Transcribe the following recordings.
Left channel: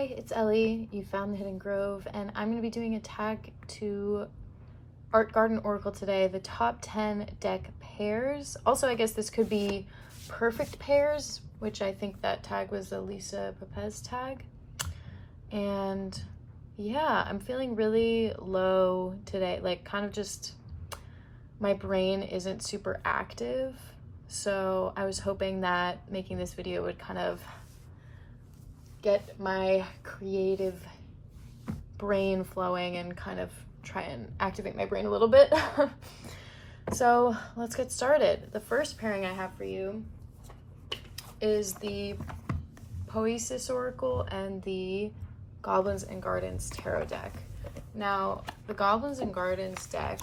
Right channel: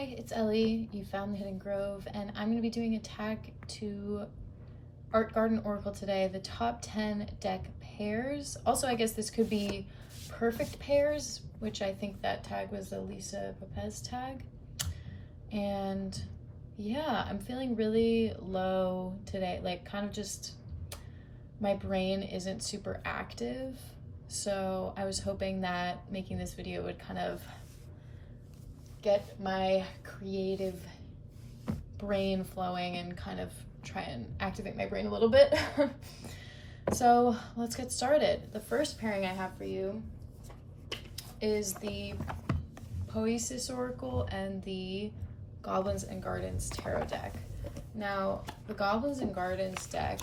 Hi, it's Ellie. You found the Hidden Grove, and I'm going to be doing a tag to Art Garden Oracle today, the top 10 deck pairs. Also, I guess this could be perfect pairs, which I think that tag was a Lisa Pepez tag. And yeah, I'm feeling really low today, like kind of just my brain isn't super active. So I was hoping that making this video would kind of get my creative brain flowing and kind of try and activate my brain a little bit. So let's get started. The first pairing I have for you is the Poesis Oracle and the Goblins and Gardens Tarot deck. Now, the Goblins and Gardens deck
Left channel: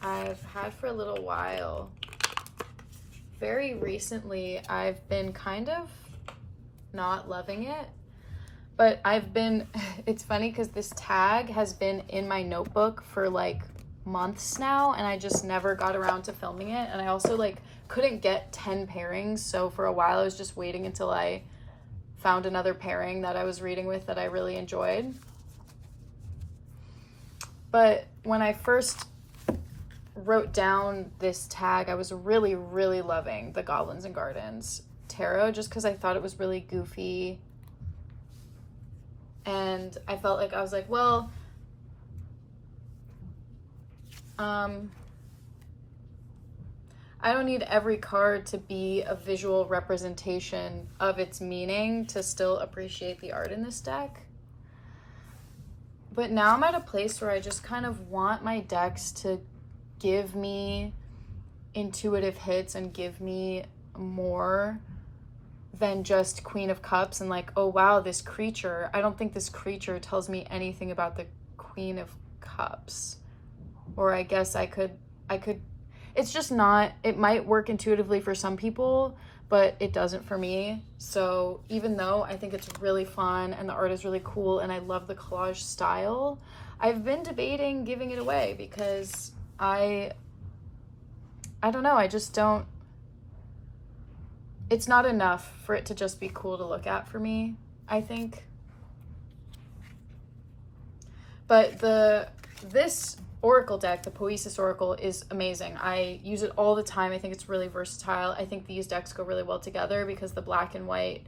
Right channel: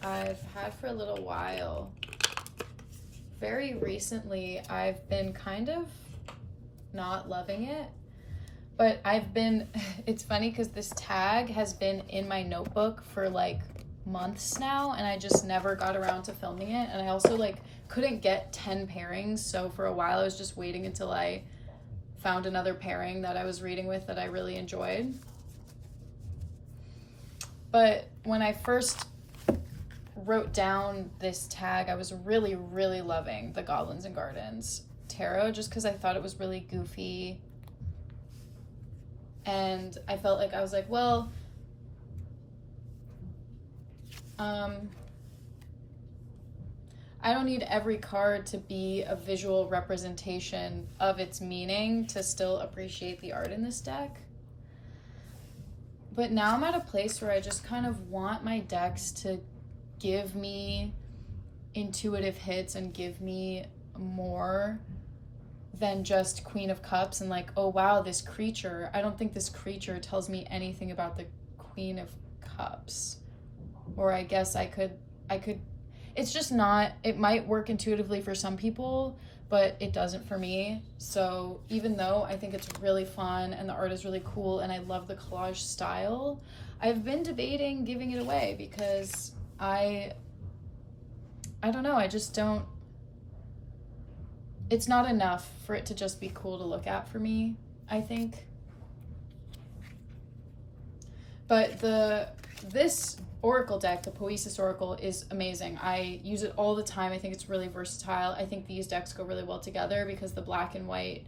I've had for a little while. Very recently, I've been kind of not loving it, but it's funny because this tag has been in my notebook for like months now, and I just never got around to filming it. And I also like couldn't get 10 pairings, so for a while I was just waiting until I found another pairing that I was reading with that I really enjoyed. But when I first wrote down this tag, I was really loving the Goblins and Gardens Tarot, just because I thought it was really goofy, and I felt like I was like, well, I don't need every card to be a visual representation of its meaning to still appreciate the art in this deck. But now I'm at a place where I just kind of want my decks to give me intuitive hits and give me more than just Queen of Cups and like, oh wow, this creature. I don't think this creature tells me anything about the Queen of Cups. Or I guess I could, it's just not, it might work intuitively for some people, but it doesn't for me. So even though I think it's really fun and the art is really cool and I love the collage style, I've been debating giving it away because I don't know, I just don't, it's not enough for it to just be cool to look at for me, I think. But this Oracle deck, the Poesis Oracle, is amazing. I use it all the time. I think it's really versatile. I think these decks go really well together because the black and white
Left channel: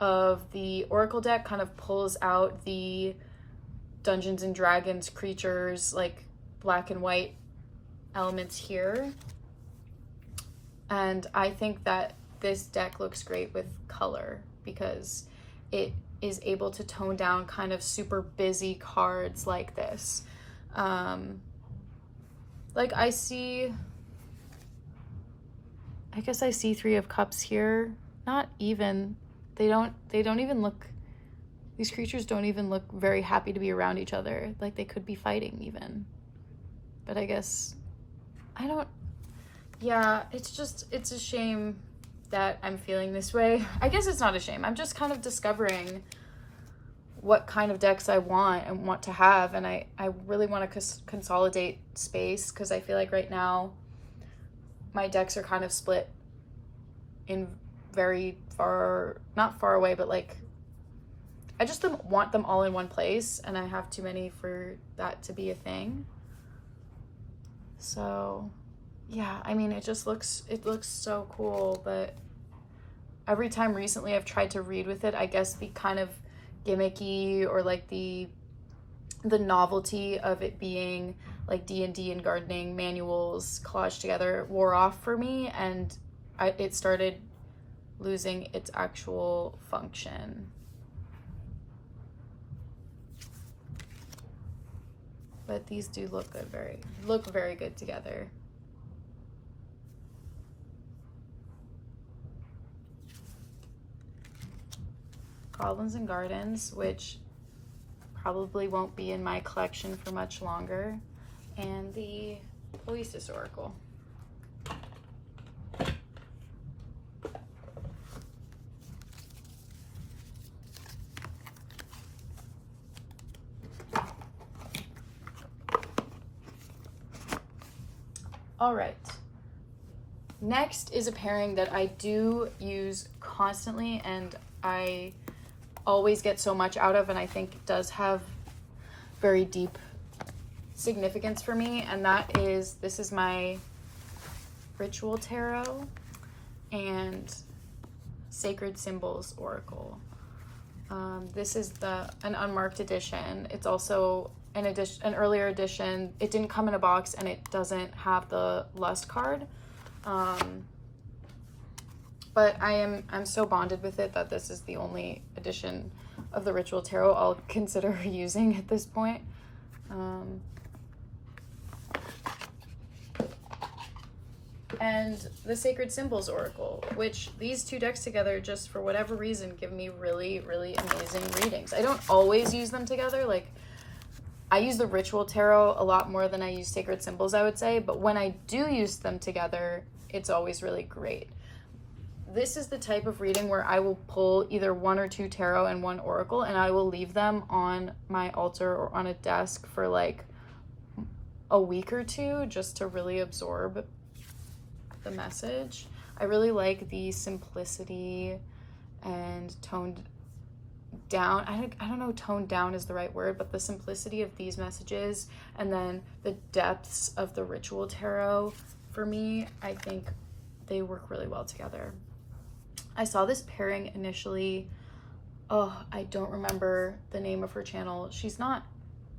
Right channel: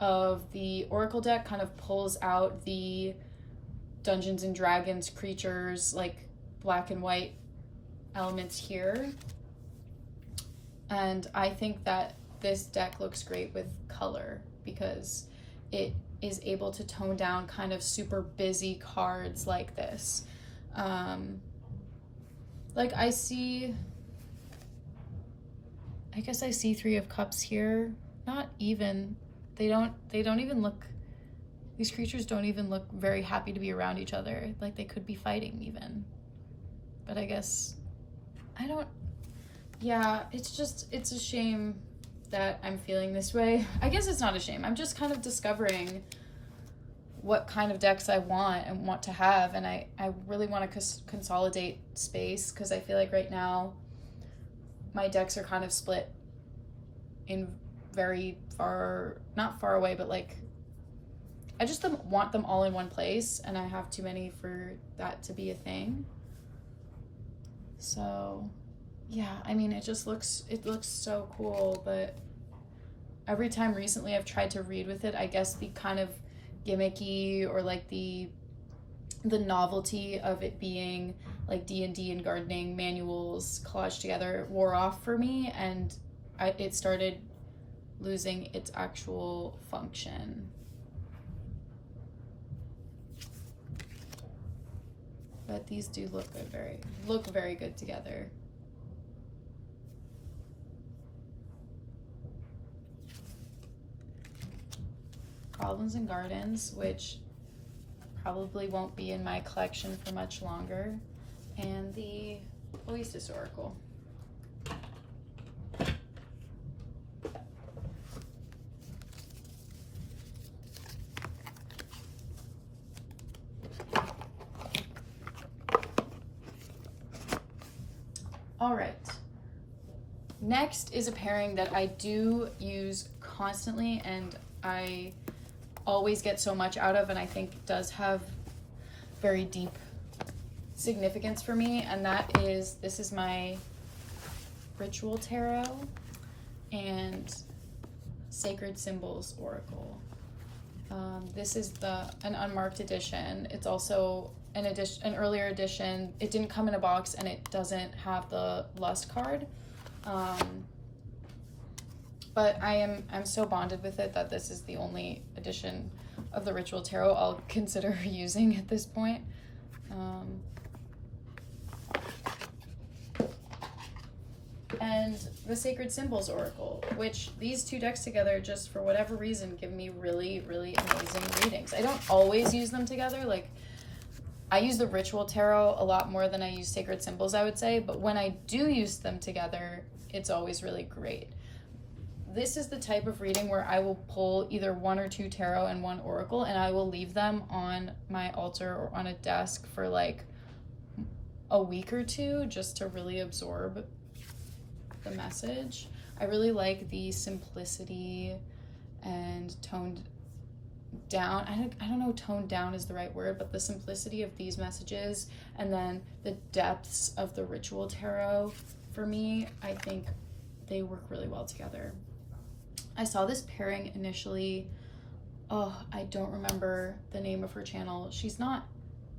of the Oracle deck kind of pulls out the Dungeons and Dragons creatures, like black and white elements here. And I think that this deck looks great with color because it is able to tone down kind of super busy cards like this. Like I guess I see Three of Cups here. Not even, they don't even look, these creatures don't even look very happy to be around each other. Like they could be fighting even. But I guess, yeah, it's a shame that I'm feeling this way. I guess it's not a shame. I'm just kind of discovering what kind of decks I want and want to have, and I really want to consolidate space because I feel like right now my decks are kind of split in very far, not far away, but like I just want them all in one place, and I have too many for that to be a thing. So yeah, I mean, it looks so cool, but every time recently I've tried to read with it, I guess the kind of gimmicky or like the novelty of it being like D&D and gardening manuals collaged together wore off for me, and it started losing its actual function. But these do look good, very good together. Goblins and Gardens, which probably won't be in my collection for much longer, and the Poesis Oracle. All right, next is a pairing that I do use constantly, and I always get so much out of, and I think does have very deep significance for me, and this is my Ritual Tarot and Sacred Symbols Oracle. This is an unmarked edition. It's also an earlier edition. It didn't come in a box, and it doesn't have the Lust card. But I'm so bonded with it that this is the only edition of the Ritual Tarot I'll consider using at this point. And the Sacred Symbols Oracle, which these two decks together, just for whatever reason, give me really, really amazing readings. I don't always use them together. Like, I use the Ritual Tarot a lot more than I use Sacred Symbols, I would say. But when I do use them together, it's always really great. This is the type of reading where I will pull either 1 or 2 tarot and 1 oracle, and I will leave them on my altar or on a desk for like a week or two just to really absorb the message. I really like the simplicity and toned down. I don't know toned down is the right word, but the simplicity of these messages and then the depths of the Ritual Tarot, for me, I think they work really well together. I saw this pairing initially. Oh, I don't remember the name of her channel. She's not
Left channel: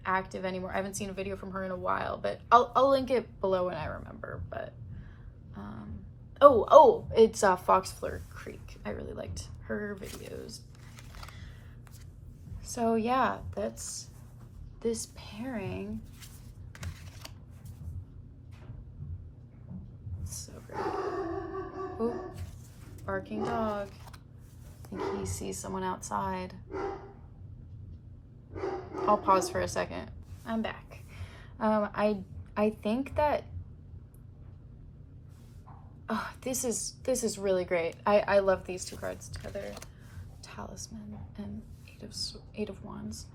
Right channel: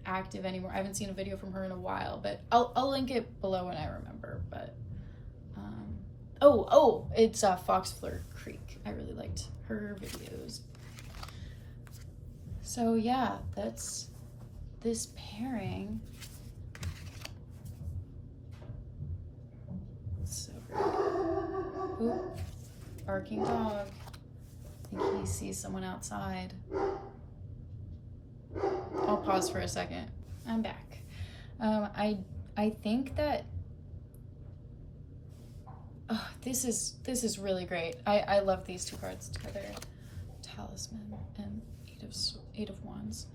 active anymore. I haven't seen a video from her in a while, but I'll link it below when I remember. But it's Foxfleur Creek. I really liked her videos. So yeah, that's this pairing. It's so great. Ooh, barking dog. I think he sees someone outside. I'll pause for a second. I'm back. I think that this is really great. I love these two cards together. Talisman and Eight of Wands.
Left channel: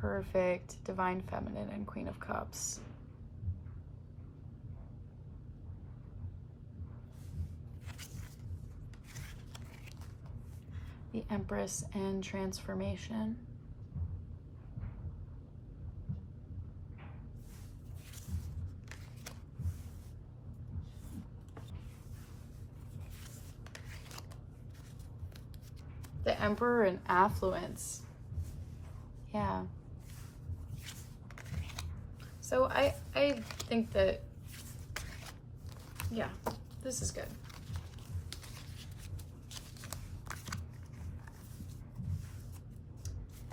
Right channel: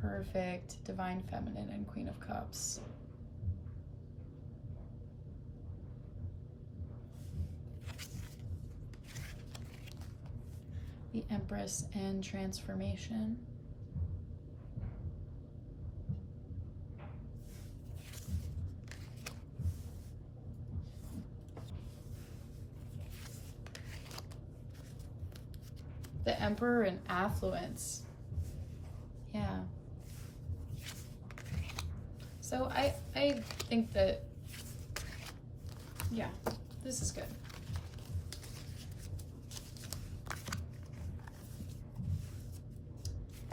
Perfect. Divine Feminine and Queen of Cups. The Empress and Transformation. The Emperor and Affluence. Yeah. So I think that, yeah, this is good.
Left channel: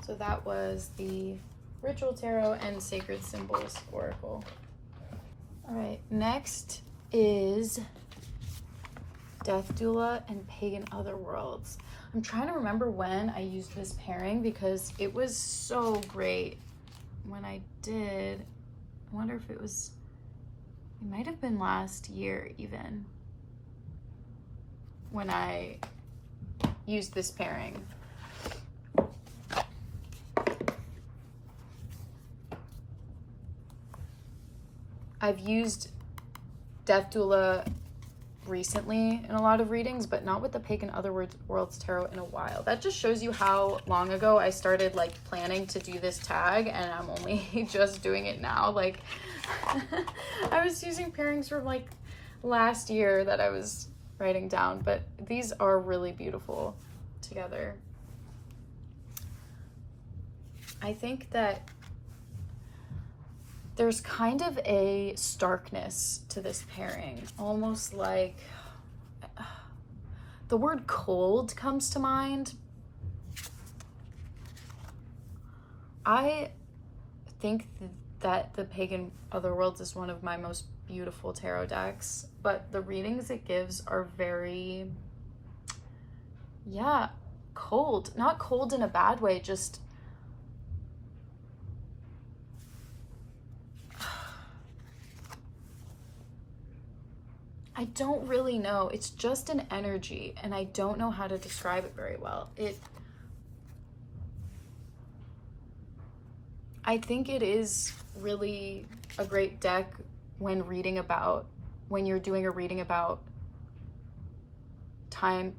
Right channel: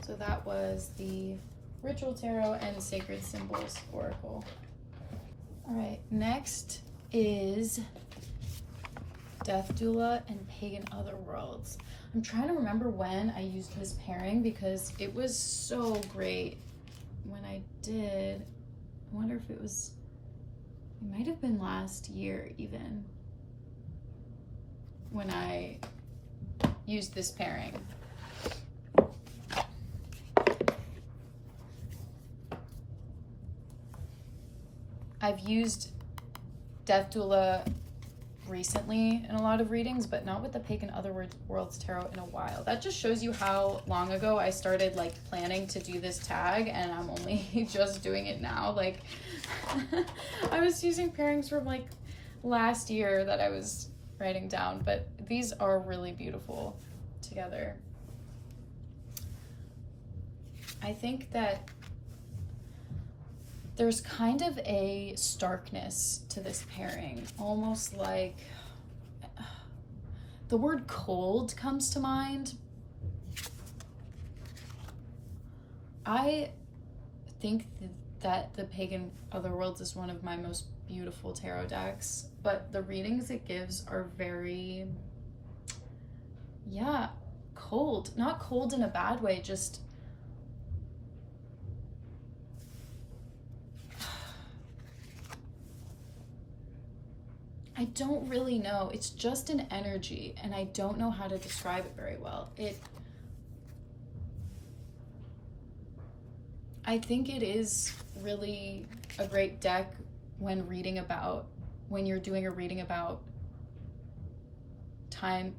So that was the Ritual Tarot and Sacred Symbols Oracle. All right, next is Death Doula and Pagan Otherworlds. I'm trying to remember when I used this pairing because it was so great when I did. I wonder if it might have been last year even when I used this pairing. I've used Death Doula recently in a lot of readings, but not with the Pagan Otherworlds Tarot in a while. That just shows you how long ago I started like planning to do this tag, and I'm only just doing it now. Like I was using pairings from like last year that I was writing down, but these are really beautiful together. I think that there's kind of a starkness to this pairing, almost like the word cold comes to mind. I think that the Pagan Otherworlds is one of my most beautiful tarot decks, but the readings it gives are very, yeah, cold. Not cold in a bad way, just I don't really know. It's just an energy, and I don't know how to describe it very well. I think it is really a great deck when you're doing a reading about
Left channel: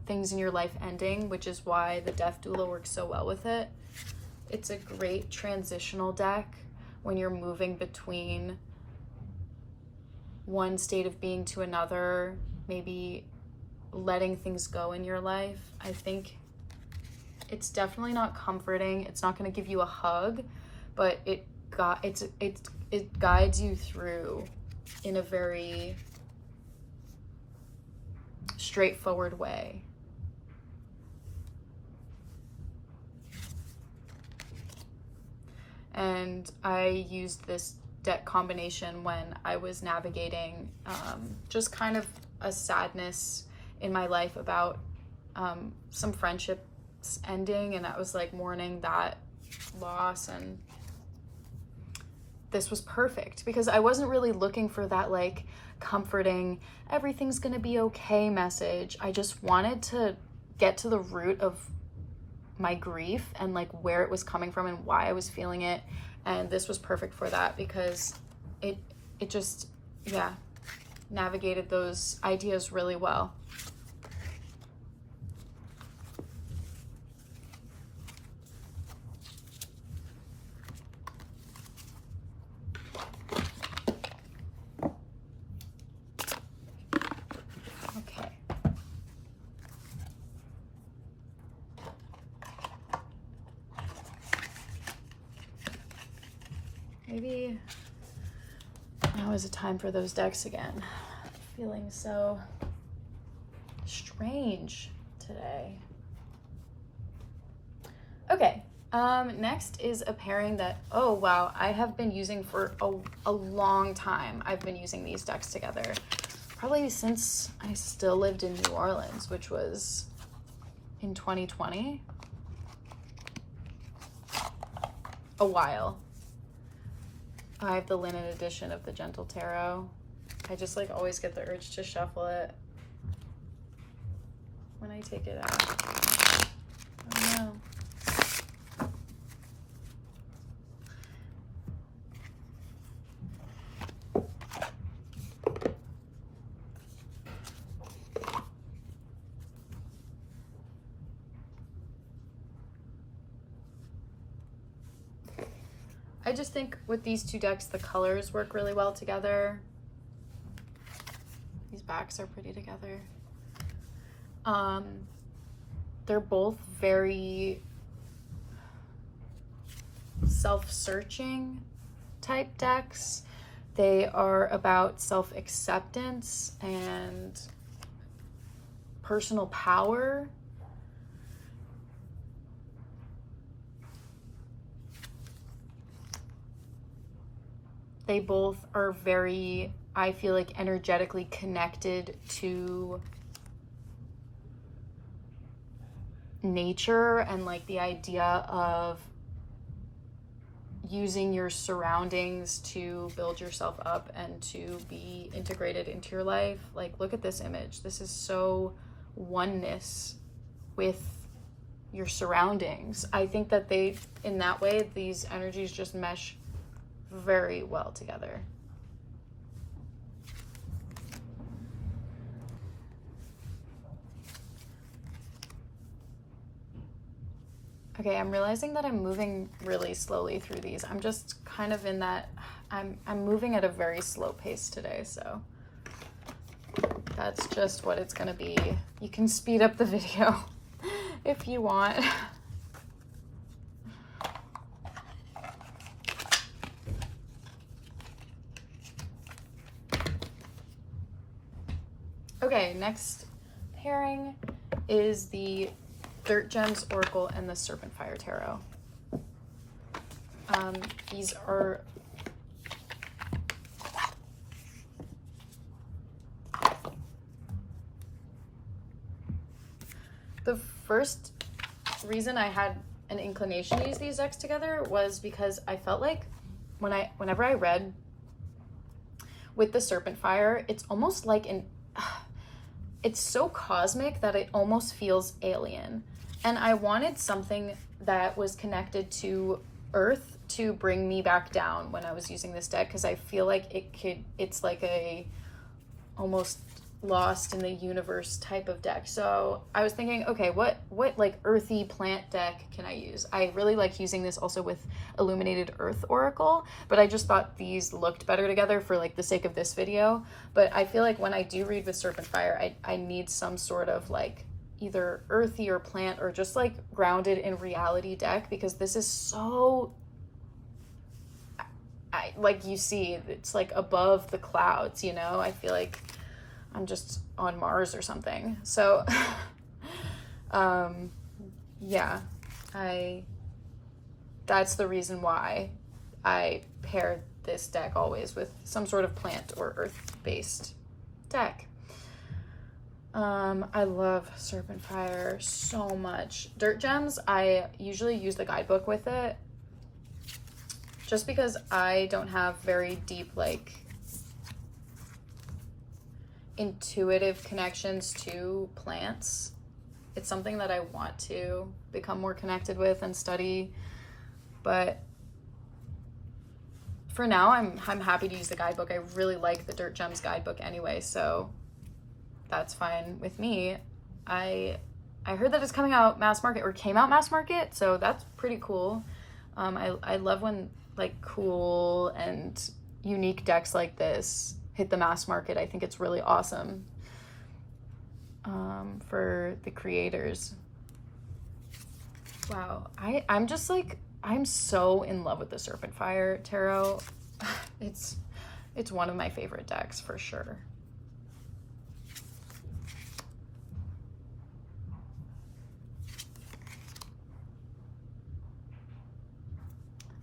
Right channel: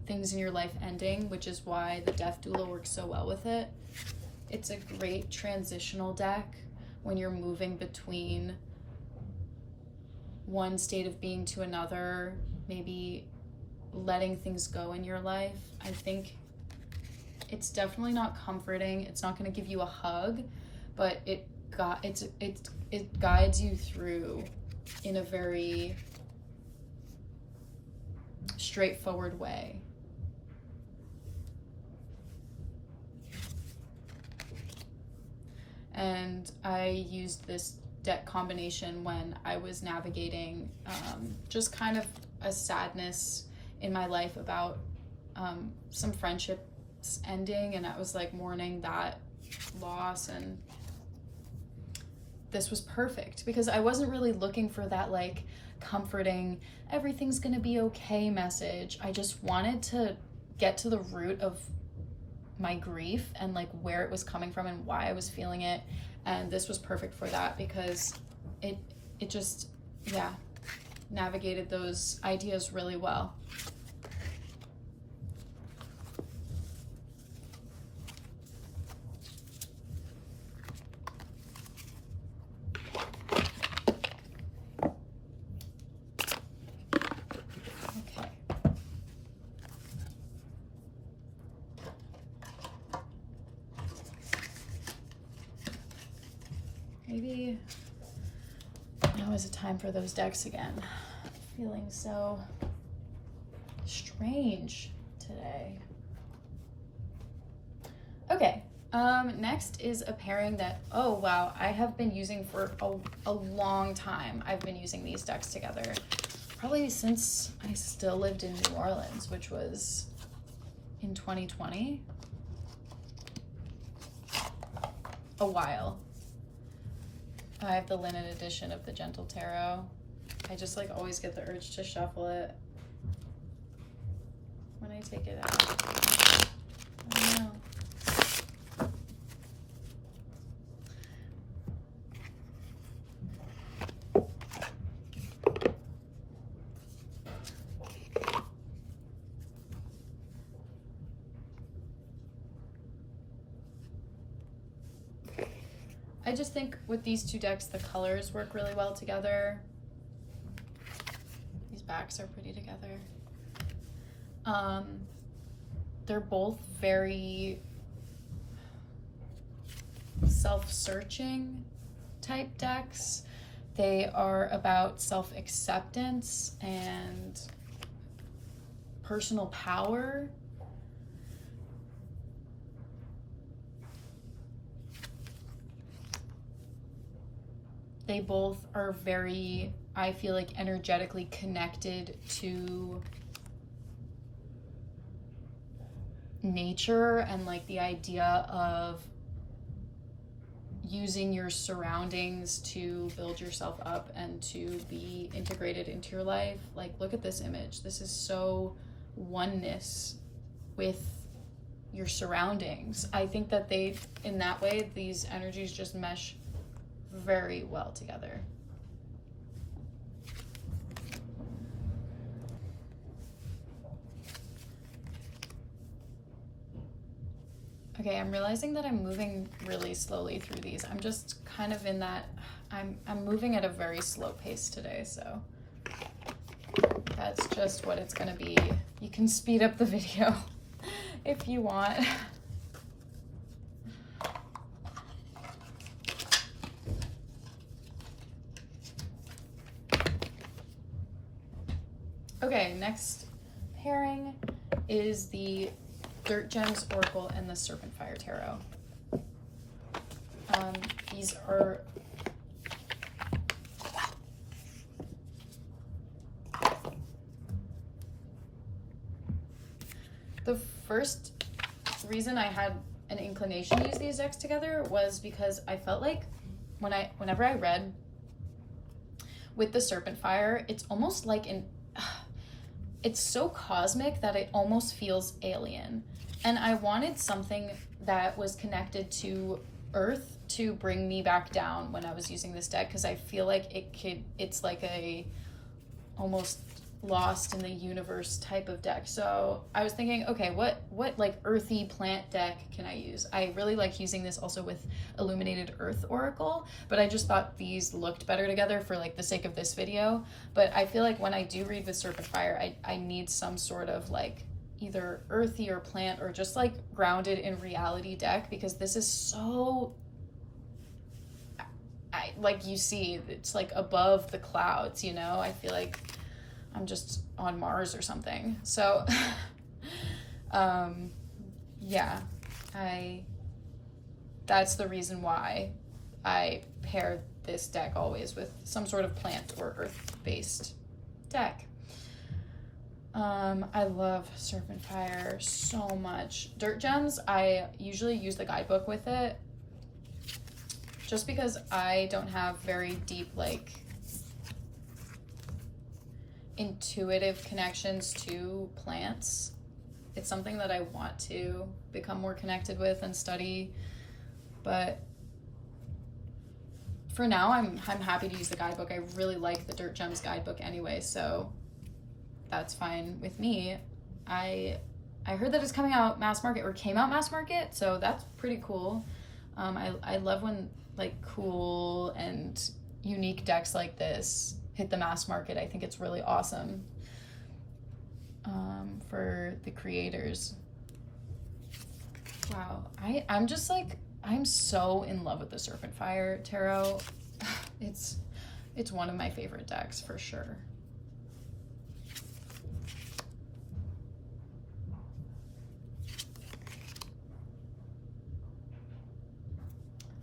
things in your life ending, which is why the Death Doula works so well with it. It's a great transitional deck when you're moving between one state of being to another, maybe letting things go in your life. I think it's definitely not comforting. It's not going to give you a hug, but it guides you through in a very straightforward way. And I used this deck combination when I was navigating just kind of a sadness in my life about some friendships ending, and I was like mourning that loss, and this was perfect because I wasn't really looking for that like comforting, everything's gonna be okay message. I just wanted to get to the root of my grief and like where it was coming from and why I was feeling it, and this was perfect for that because it just, yeah, navigated those ideas really well. Maybe now is a time for those decks again. Feeling so strange today. Okay, next is a pairing that, oh wow, I have been using for a long time. I've been using these decks together probably since I still lived in New Orleans, which was in 2020. A while. I have the linen edition of the Gentle Tarot. I just like always get the urge to shuffle it when I take it out. I don't know. I just think with these two decks, the colors work really well together. These backs are pretty together. They're both very self-searching type decks. They are about self-acceptance and personal power. They both are very, I feel like, energetically connected to nature and like the idea of using your surroundings to build yourself up and to be integrated into your life. Like, look at this image. This is so oneness with your surroundings. I think that they, in that way, these energies just mesh very well together. Okay, I'm realizing that I'm moving really slowly through these. I'm just kind of in that, I'm moving at a very slow pace today, so that's just what it's gonna be. You can speed up the video if you want. Okay, next pairing is the Dirt Gems Oracle and the Serpent Fire Tarot. These are the first reason I had an inclination to use these decks together was because I felt like whenever I read with the Serpent Fire, it's almost like it's so cosmic that it almost feels alien. And I wanted something that was connected to Earth to bring me back down when I was using this deck, because I feel like it's like a almost lost in the universe type of deck. So I was thinking, okay, what like earthy plant deck can I use? I really like using this also with Illuminated Earth Oracle, but I just thought these looked better together for like the sake of this video. But I feel like when I do read with Serpent Fire, I need some sort of like either earthy or plant or just like grounded in reality deck, because this is so, like you see, it's like above the clouds, you know? I feel like I'm just on Mars or something. So, yeah, that's the reason why I pair this deck always with some sort of plant or earth-based deck. I love Serpent Fire so much. Dirt Gems, I usually use the guidebook with it, just because I don't have very deep, like, intuitive connections to plants. It's something that I want to become more connected with and study, but for now I'm happy to use the guidebook. I really like the Dirt Gems guidebook anyway, so that's fine with me. I heard that it's coming out mass market, or came out mass market, so that's pretty cool. I love when like cool and unique decks like this hit the mass market. I think it's really awesome for the creators. Wow, I'm just like, I'm so in love with the Serpent Fire Tarot. It's one of my favorite decks for sure.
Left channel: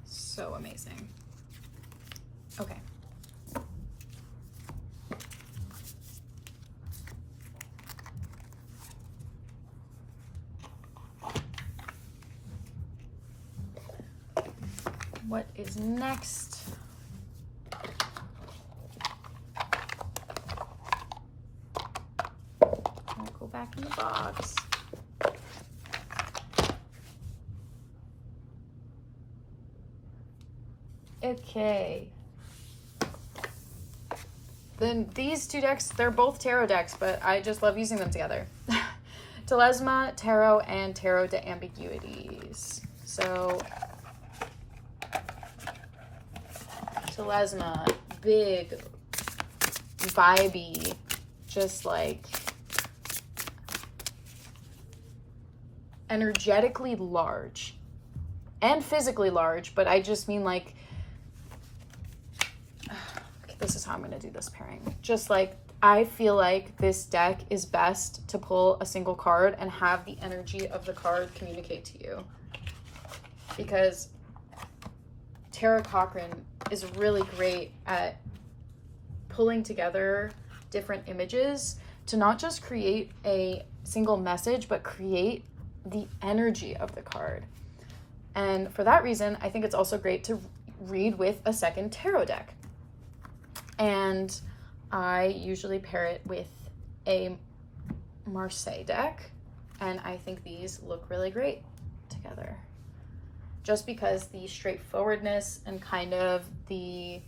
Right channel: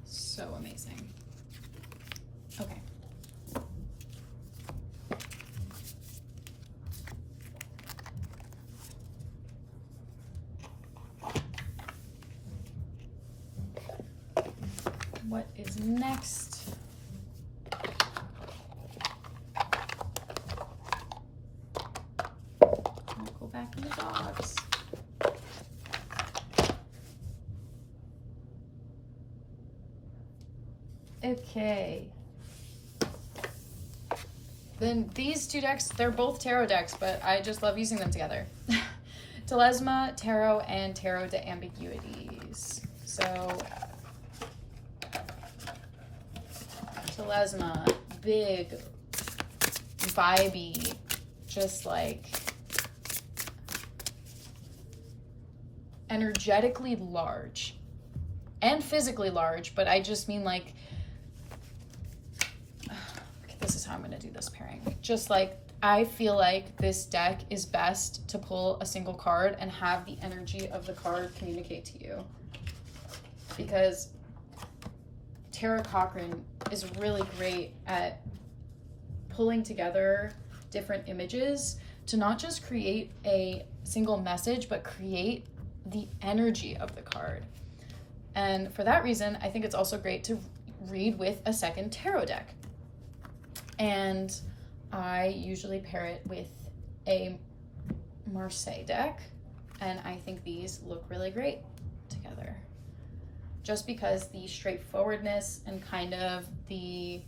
So amazing. Okay. What is next? I'll go back in the box. Okay. Then these two decks, they're both tarot decks, but I just love using them together. Telesma Tarot and Tarot de Ambiguities. So Telesma, big, vibey, just like energetically large and physically large, but I just mean like, this is how I'm going to do this pairing. Just like, I feel like this deck is best to pull a single card and have the energy of the card communicate to you. Because Tarot Cochrane is really great at pulling together different images to not just create a single message, but create the energy of the card. And for that reason, I think it's also great to read with a second tarot deck. And I usually pair it with a Marseille deck, and I think these look really great together. Just because the straightforwardness and kind of the,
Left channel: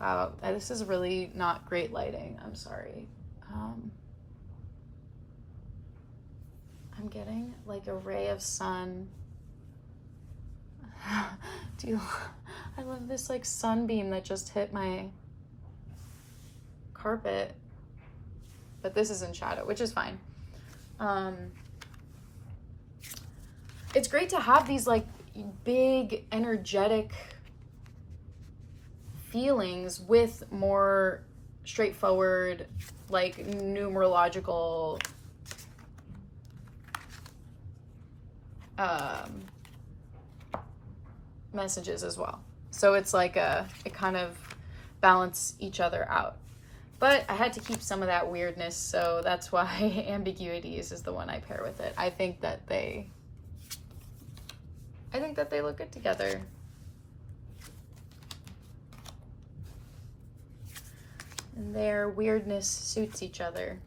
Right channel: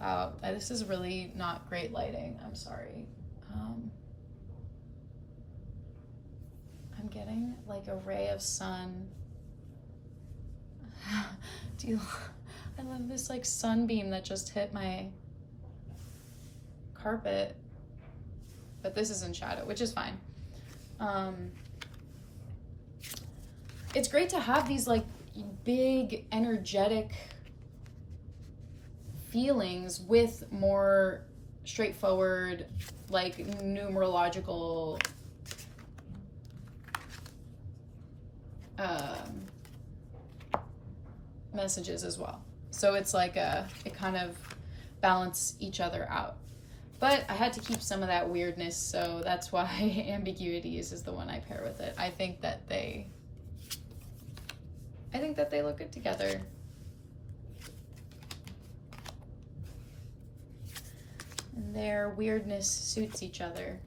wow, this is really not great lighting, I'm sorry. I'm getting like a ray of sun. I love this like sunbeam that just hit my carpet, but this is in shadow, which is fine. It's great to have these like big energetic feelings with more straightforward like numerological messages as well. So it's like it kind of balance each other out. But I had to keep some of that weirdness, so that's why Ambiguities is the one I pair with it. I think that they look good together. And their weirdness suits each other.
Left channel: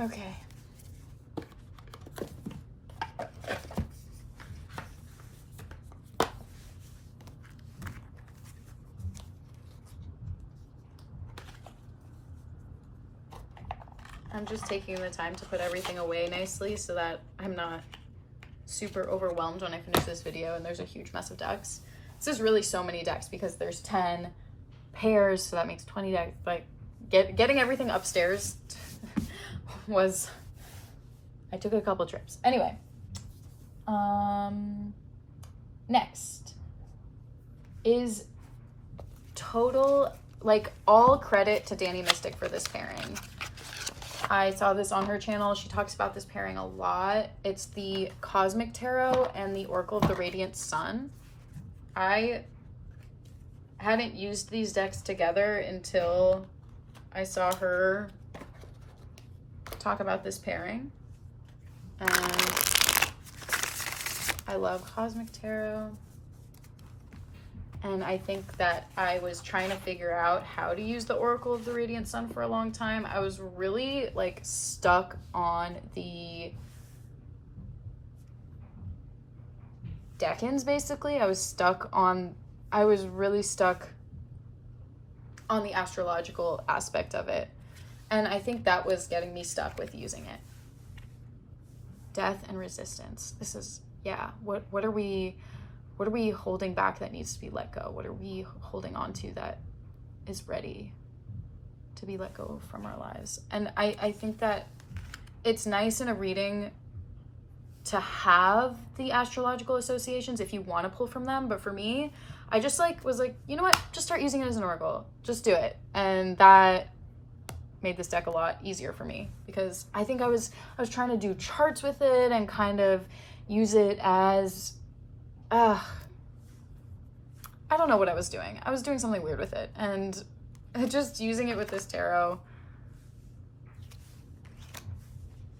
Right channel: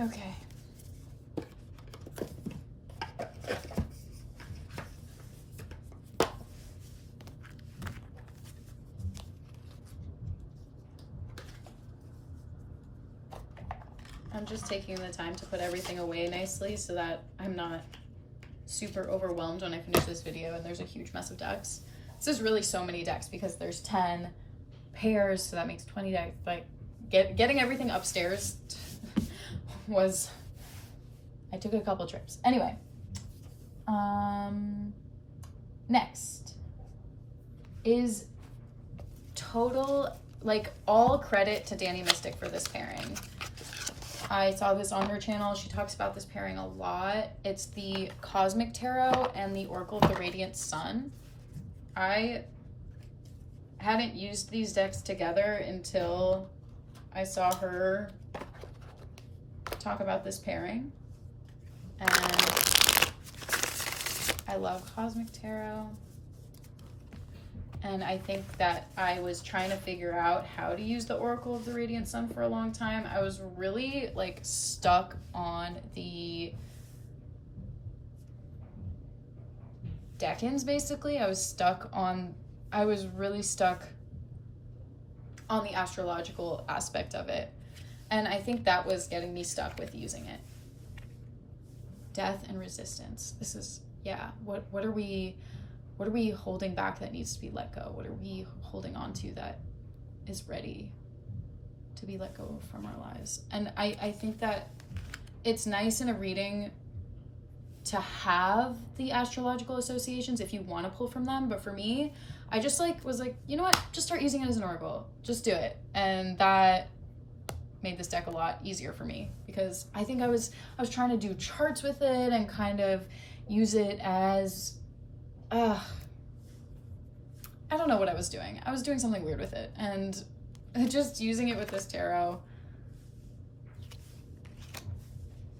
Okay. I'm just taking the time to put everything away nicely so that I'm not super overwhelmed when I finish this video and there's a huge mess of decks. This is really so many decks because there's 10 pairs, so that makes 20 decks. Like getting everything upstairs was, I took a couple trips. Anyway, next is total, like, all credit to Danny Mystic for this pairing. I saw this on her channel. She talks about this pairing a lot. It's the Cosmic Tarot and the Oracle of the Radiant Sun. I hadn't used these decks together until I saw her talk about this pairing. And I love Cosmic Tarot. And I think that I was trying to figure out how to use the Oracle of the Radiant Sun for a long time. I was really, like, stuck on the Decans, basically. I was really stuck on the astrological aspect of it. And I think that was getting me stuck with using it. Death and resistance. This is, yeah, what are we holding back that needs to be let go? What are we holding on to that is ready to be let go from our lives? And I think that it's nice in a reading to have the astrological associations if you want to pull from them. But for me, I just was like, you know what? Just start using it as an oracle. Just do it. And that made this deck a lot easier for me because I think I was trying to do charts with it and kind of use it as, I don't know what I was doing. I was doing something weird with it, and just using it with this tarot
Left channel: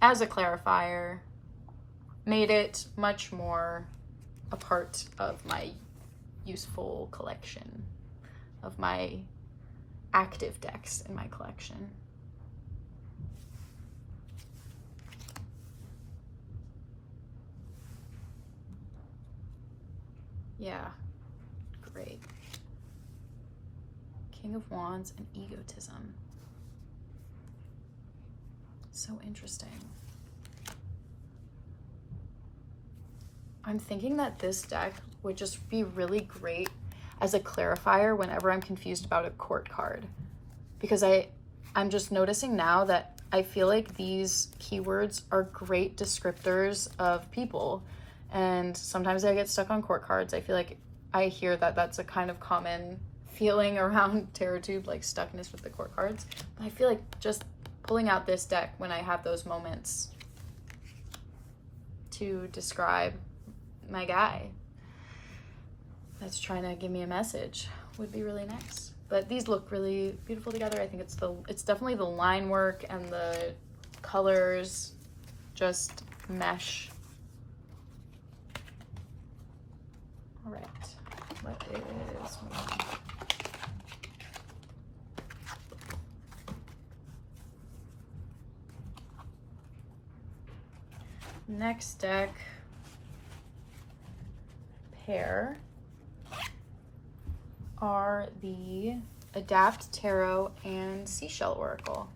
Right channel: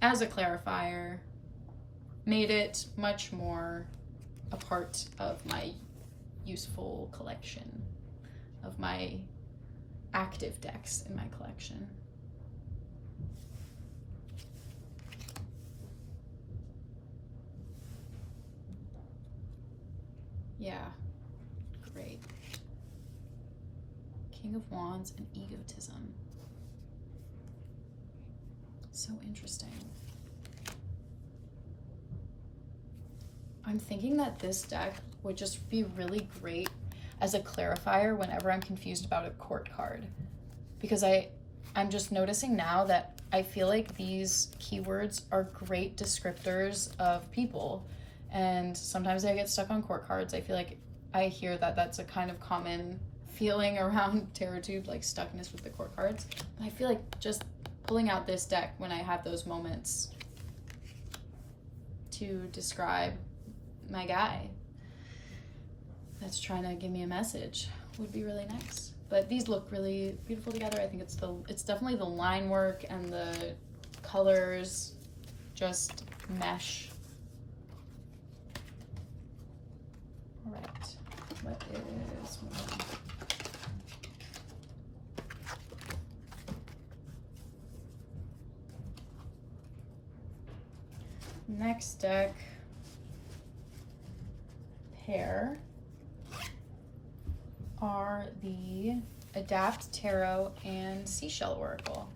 as a clarifier made it much more a part of my useful collection, of my active decks in my collection. Yeah, great. King of Wands and egotism. So interesting. I'm thinking that this deck would just be really great as a clarifier whenever I'm confused about a court card. Because I'm just noticing now that I feel like these keywords are great descriptors of people. And sometimes I get stuck on court cards. I feel like I hear that that's a kind of common feeling around TarotTube, like stuckness with the court cards. But I feel like just pulling out this deck when I have those moments to describe my guy that's trying to give me a message would be really nice. But these look really beautiful together. I think it's definitely the line work and the colors just mesh. All right, what is one? Next deck pair are the Adapt Tarot and Seashell Oracle.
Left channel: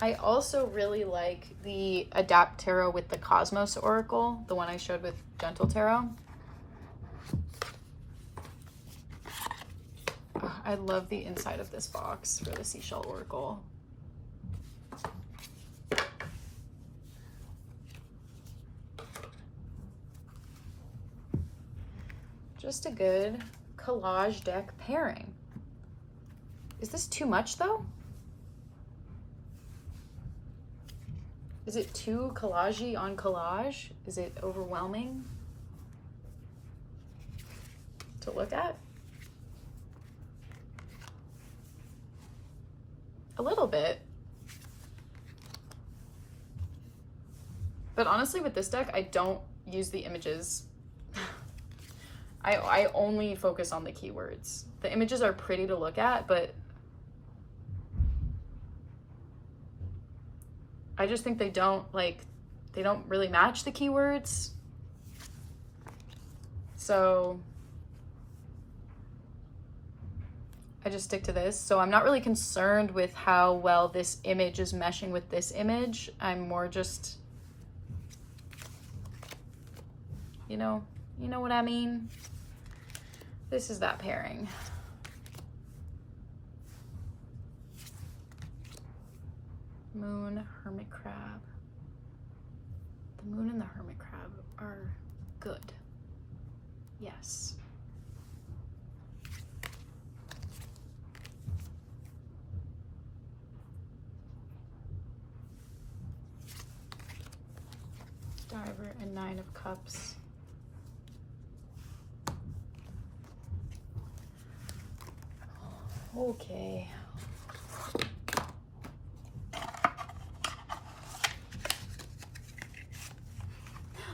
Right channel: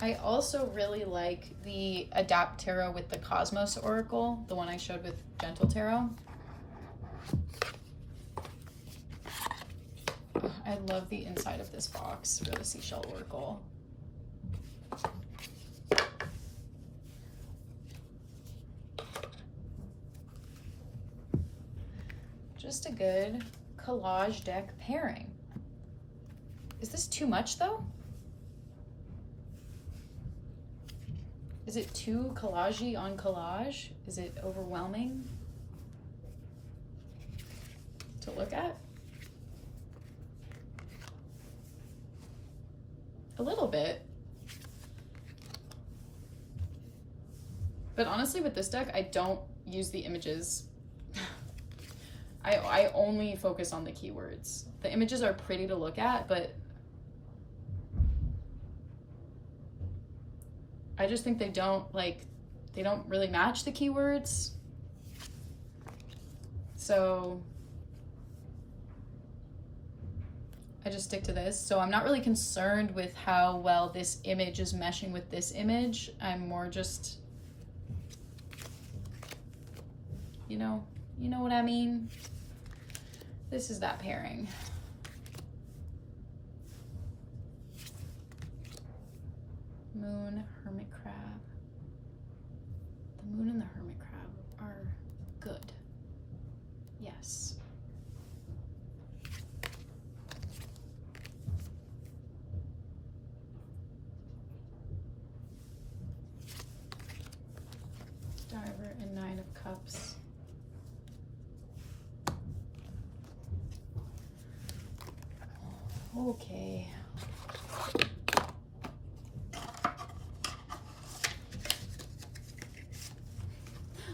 I also really like the Adapt Tarot with the Cosmos Oracle, the one I showed with Gentle Tarot. I love the inside of this box for the Seashell Oracle. Just a good collage deck pairing. Is this too much though? Is it too collage-y on collage? Is it overwhelming to look at? A little bit. But honestly, with this deck, I don't use the images. I only focus on the keywords. The images are pretty to look at, but I just think they don't really match the keywords. So I just stick to this. So I'm not really concerned with how well this image is meshing with this image. I'm more just, you know what I mean? This is that pairing. Moon, hermit crab. The moon and the hermit crab are good. Yes. Diver and 9 of cups. Okay.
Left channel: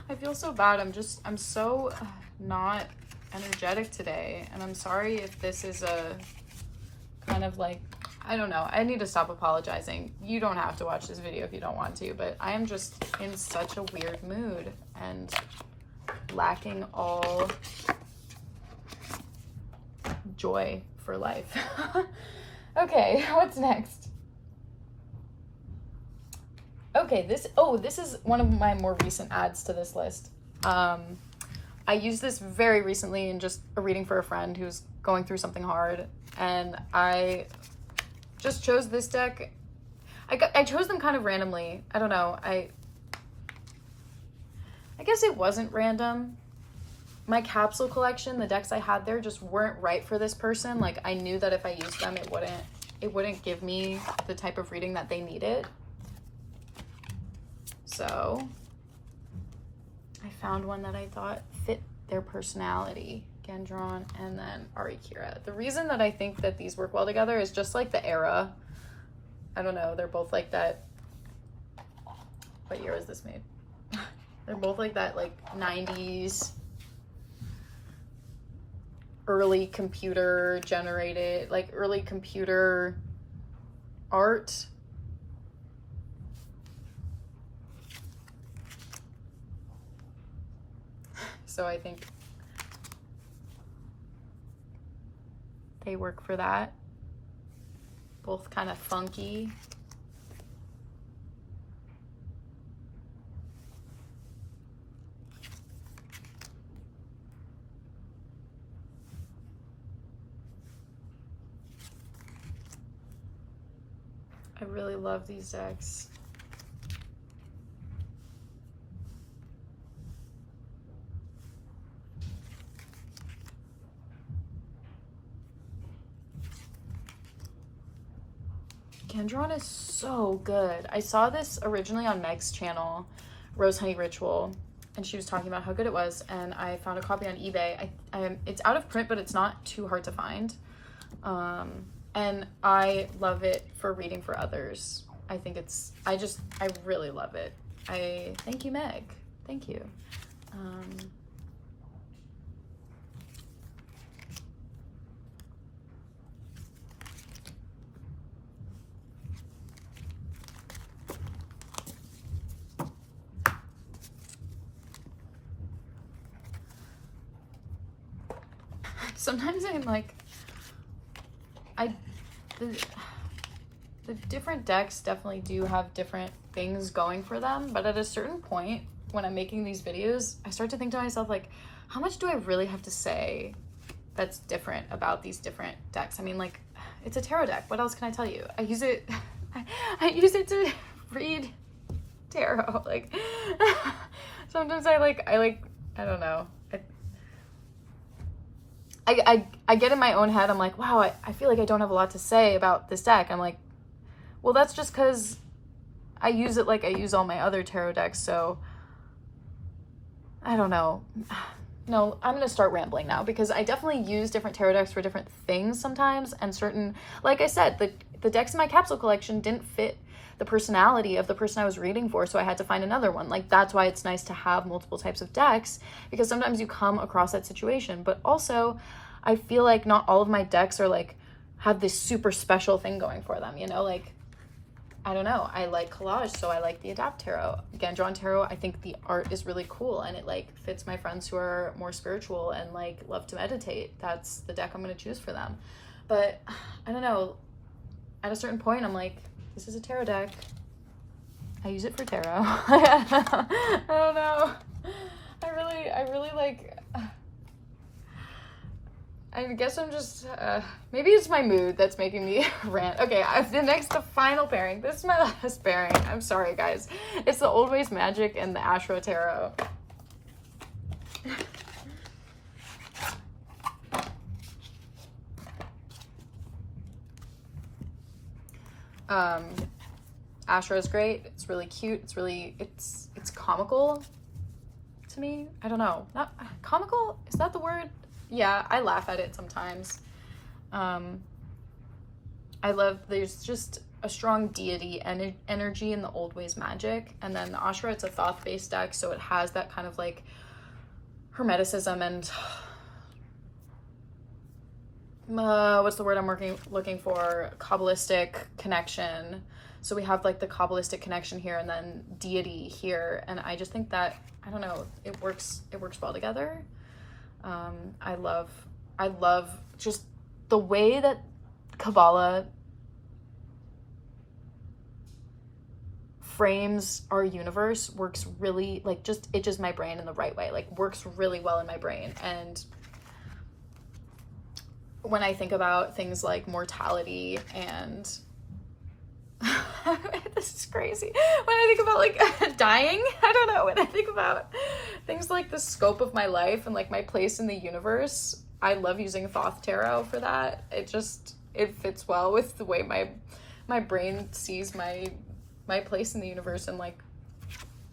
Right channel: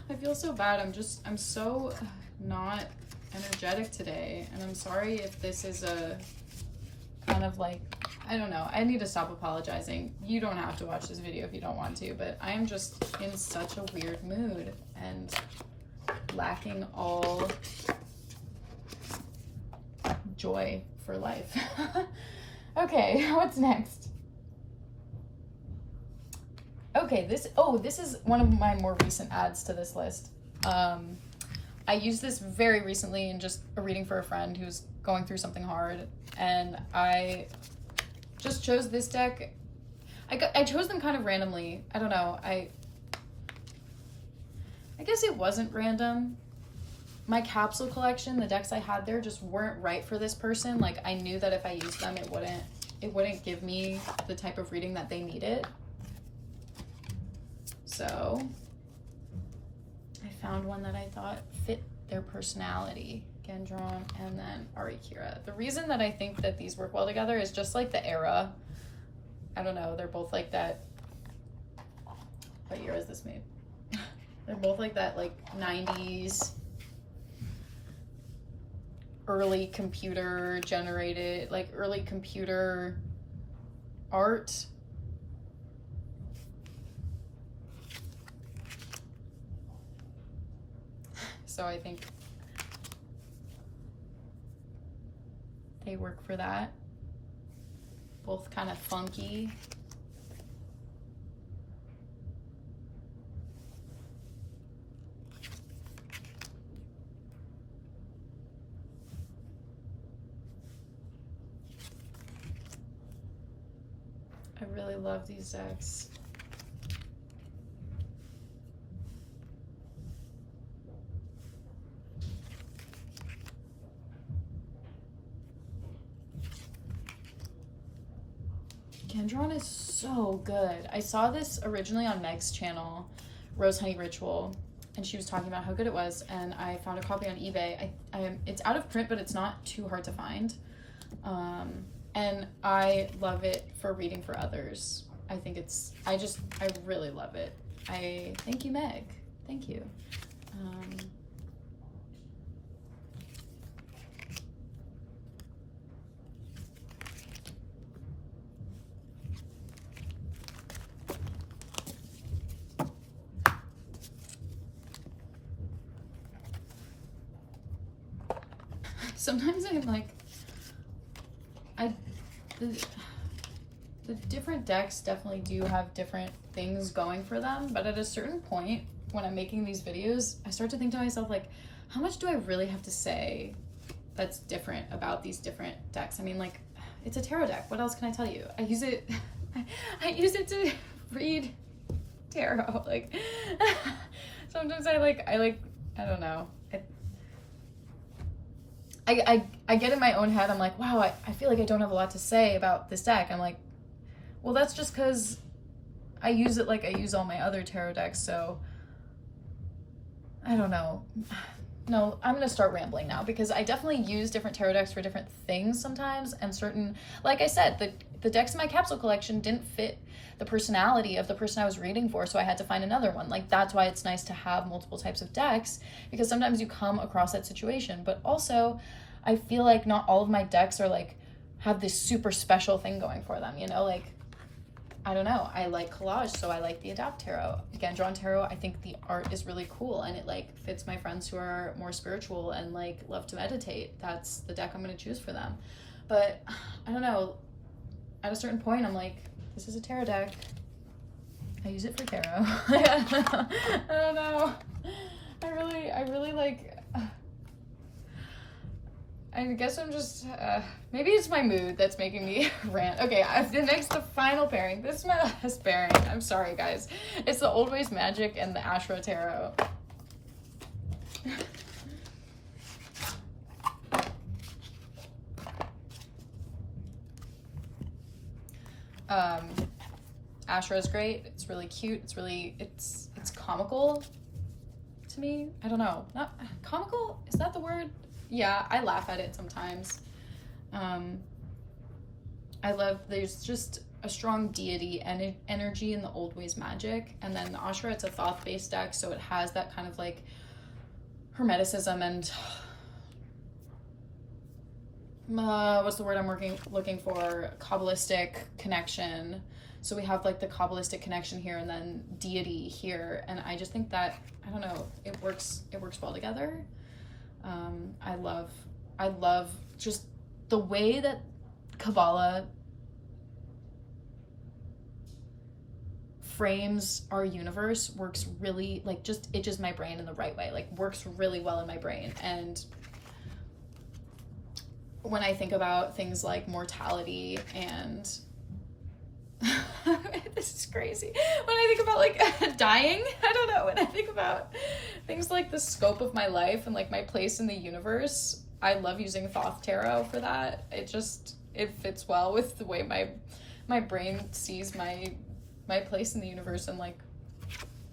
I feel so bad. I'm so not energetic today, and I'm sorry if this is a kind of like, I don't know. I need to stop apologizing. You don't have to watch this video if you don't want to, but I am just in such a weird mood and lacking all joy for life. Okay, what's next? Okay, this is one of my more recent adds to this list. I used this very recently in just a reading for a friend who's going through something hard, and I just chose this deck. I chose them kind of randomly. I don't know. I guess it wasn't random. My capsule collection, the decks I had there just weren't right for this person. Like, I knew that if I used them, it wouldn't give me the type of reading that they needed. So I found one that I thought fit their personality. Gendron and then Arikira. The reason that I think that these work well together is just like the era. I don't know, they're both like that. What year is this made? They're both like that, like 90s, early computer generated, like early computer art. So I think they work for that. Both kind of funky. I really love these decks. Gendron is so good. I saw this originally on Meg's channel, Rose Honey Ritual, and she was talking about how good it was, and I found a copy on eBay. It's out of print, but it's not too hard to find. And I love it for reading for others. I think I really love it. Thank you, Meg. Thank you. Sometimes I'm like, the different decks definitely do have different things going for them, but at a certain point when I'm making these videos, I start to think to myself, like, how much do I really have to say that's different about these different decks? I mean, like, it's a tarot deck. What else can I tell you? I use it to read tarot. Like, sometimes I don't know. I get in my own head, I'm like, wow, I feel like I don't have a lot to say about this deck. I'm like, well, that's just because I use it like I use all my other tarot decks, so I don't know. No, I'm going to start rambling now, because I definitely use different tarot decks for different things sometimes, and certain, like I said, the decks in my capsule collection didn't fit the personality of the person I was reading for, so I had to find another one. Like, that's why it's nice to have multiple types of decks, because sometimes you come across that situation. But also, I feel like not all of my decks are like, have this super special thing going for them, you know? Like, I don't know, I like collage, so I like the Adapt Tarot. Again, Drawn Tarot, I think the art is really cool, and it like fits my friends who are more spiritual and like love to meditate. That's the deck I'm going to choose for them. But I don't know, at a certain point I'm like, this is a tarot deck, I use it for tarot. I don't know, I really like, I guess I'm just, maybe it's my mood that's making me rant. Okay, the final pairing. This is my last pairing. I'm sorry, guys. It's the Old Ways Magic and the Ashra Tarot. Ashra is great. It's really cute. It's comical to me. I don't know. Not comical? Is that the word? Yeah, I laugh at it sometimes. I love, there's just a strong deity energy in the Old Ways Magic. And then the Ashra, it's a Thoth-based deck, so it has that kind of like Hermeticism and what's the word I'm looking for? Kabbalistic connection. So we have like the Kabbalistic connection here and then deity here. And I just think that, I don't know, it works well together. I love just the way that Kabbalah frames our universe. Works really, like, just itches my brain in the right way, like works really well in my brain. And when I think about things like mortality and this is crazy, when I think about like dying, I don't know, when I think about things like the scope of my life and like my place in the universe, I love using Thoth Tarot for that. It fits well with the way my brain sees my place in the universe and like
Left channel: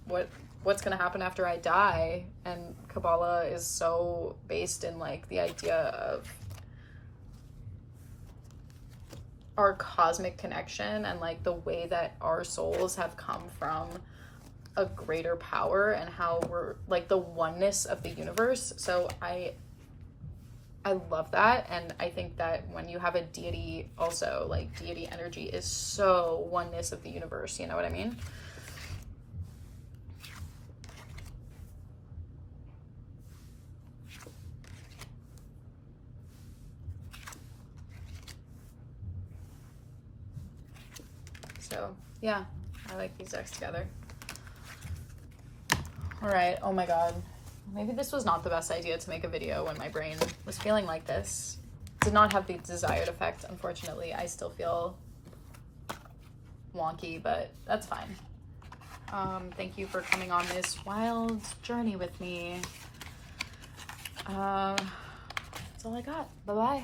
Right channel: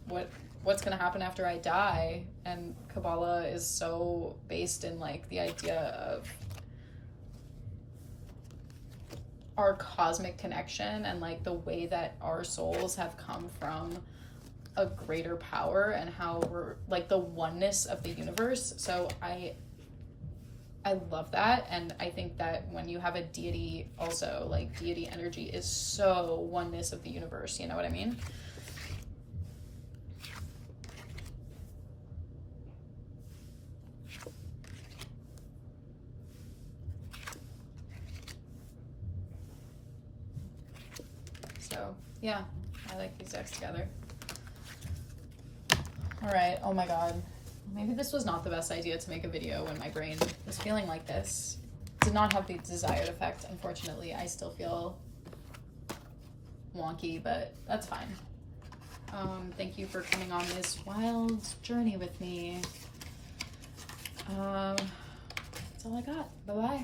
what's gonna happen after I die. And Kabbalah is so based in like the idea of our cosmic connection and like the way that our souls have come from a greater power and how we're like the oneness of the universe. So I love that. And I think that when you have a deity also, like deity energy is so oneness of the universe, you know what I mean? So yeah, I like these decks together. All right, oh my God. Maybe this was not the best idea to make a video when my brain was feeling like this. Did not have the desired effect, unfortunately. I still feel wonky, but that's fine. Thank you for coming on this wild journey with me. That's all I got. Bye-bye.